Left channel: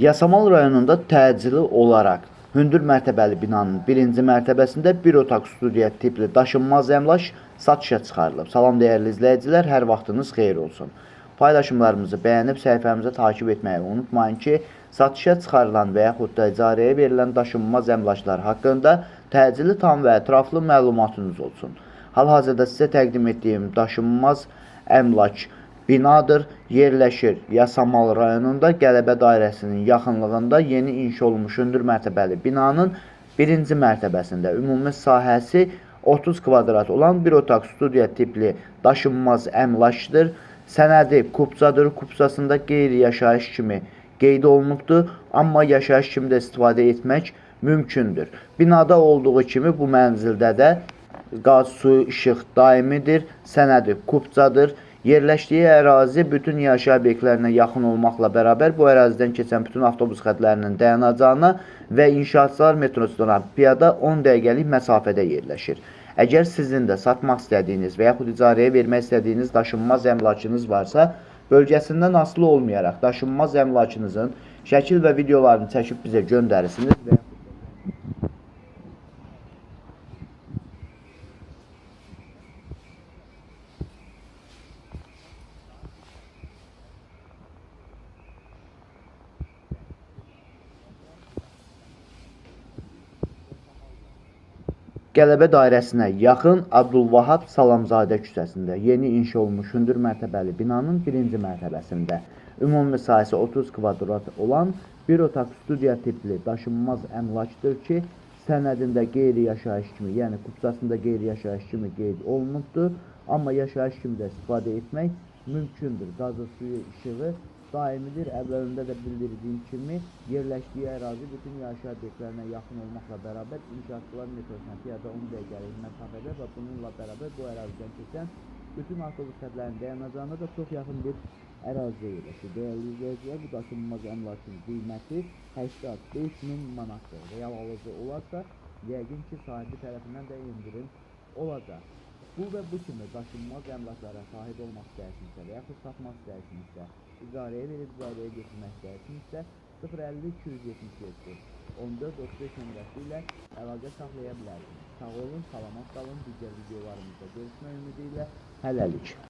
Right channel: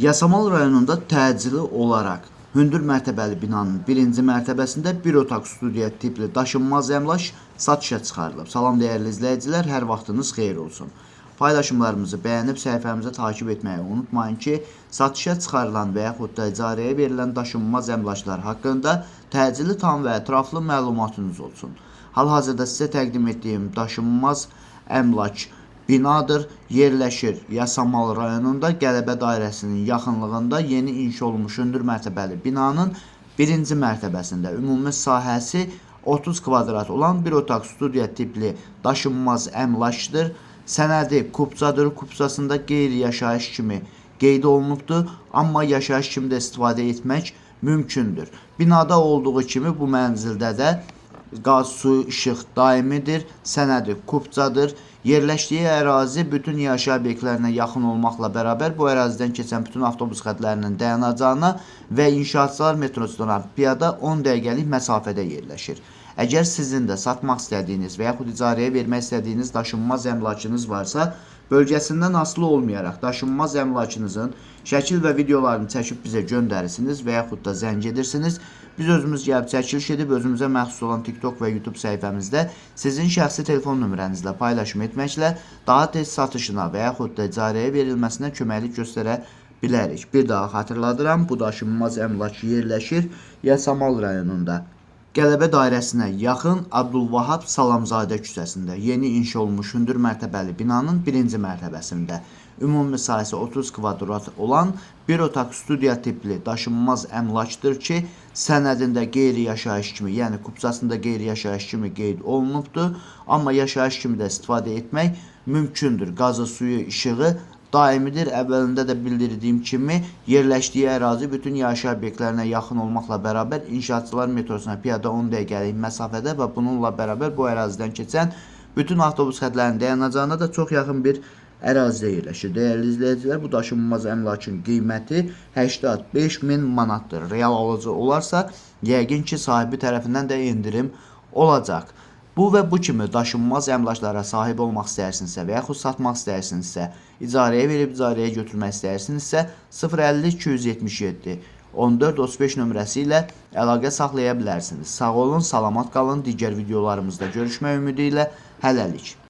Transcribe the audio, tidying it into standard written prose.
Yasamal rayonunda təcili olaraq hündür mərtəbəli binanın birinci mərtəbəsində bir otaq studiya tipli daşınmaz əmlak satışa çıxarılıb. Salam dəyərli izləyicilər, hər vaxtınız xeyir olsun. Paylaşımlarımızı bəyənib səhifəmizə takib etməyi unutmayın ki, satışa çıxarılan və yaxud da icarəyə verilən daşınmaz əmlaklar haqqında təcili tam və ətraflı məlumatınız olsun. Hal-hazırda sizə təqdim etdiyim daşınmaz əmlak binadır, yerləşir Yasamal rayonunda Qələbə dairəsinin yaxınlığında yeni inşa olmuş hündür mərtəbəli binanın birinci mərtəbəsində ümumi sahəsi 30 kvadrat olan bir otaq studiya tipli daşınmaz əmlakdır. Sənədi kupçadır, kupçasında qeyri-yaşayış kimi qeyd olunubdur, amma yaşayış kimi də istifadə etmək mümkündür. Binada olduğu kimi bu mənzildə də qaz, su, işıq daimidir, sənədi kupçadır. Yerləşdiyi ərazi bütün yaşayış obyektlərinə yaxın olmaqla bərabər bu ərazidən keçən bütün avtobus xətlərinin dayanacağına və inşaatçılar metrosundan piyada 10 dəqiqəlik məsafədə yerləşir. Əgər sizin də satmaq istədiyiniz və yaxud icarəyə vermək istədiyiniz daşınmaz əmlakınız varsa, bölgəsindən asılı olmayaraq daşınmaz əmlakınızın şəkil və videolarını çəkib bizə göndərirsiniz və yaxud da zəng edirsiniz. Biz özümüz gəlib çəkiliş edib özümüzə məxsus olan TikTok və YouTube səhifəmizdə sizin şəxsi telefon nömrənizlə paylaşım etməklə daha tez satışına və yaxud da icarəyə verilməsinə köməklik göstərə bilərik. Bir daha xatırladıram, bu daşınmaz əmlak yerləşir Yasamal rayonunda. Qələbə dairəsinə yaxın Abdülvahab Salamzadə küçəsində yeni inşa olmuş hündür mərtəbəli binanın birinci mərtəbəsində ümumi sahəsi 30 kvadrat olan bir otaq studiya tipli daşınmaz əmlakdır ki, sənədində qeyri-yaşayış kimi, yəni kupçasında qeyri-yaşayış kimi qeyd olunubdur, amma yaşayış kimi də istifadə etmək mümkündür. Qazı, suyu, işığı daimidir. Əvvəlində də bildirdiyim kimi, yerləşdiyi ərazi bütün yaşayış obyektlərinə yaxın olmaqla bərabər inşaatçılar metrosuna piyada 10 dəqiqəlik məsafədə və bununla bərabər bu ərazidən keçən bütün avtobus xətlərinin dayanacağına da çox yaxın bir ərazidə yerləşir. Dəyərli izləyicilər, bu daşınmaz əmlakın qiyməti 85.000 manatdır. Real alıcı olarsa, yəqin ki, sahibi tərəfindən də indirim olacaq. Bu və bu kimi daşınmaz əmlaklara sahib olmaq istəyirsinizsə və yaxud satmaq istəyirsinizsə, icarəyə verib icarəyə götürmək istəyirsinizsə 050 277 14 35 nömrəsi ilə əlaqə saxlaya bilərsiniz. Sağ olun, salamat qalın. Digər videolarımızda görüşmək ümidi ilə hələlik.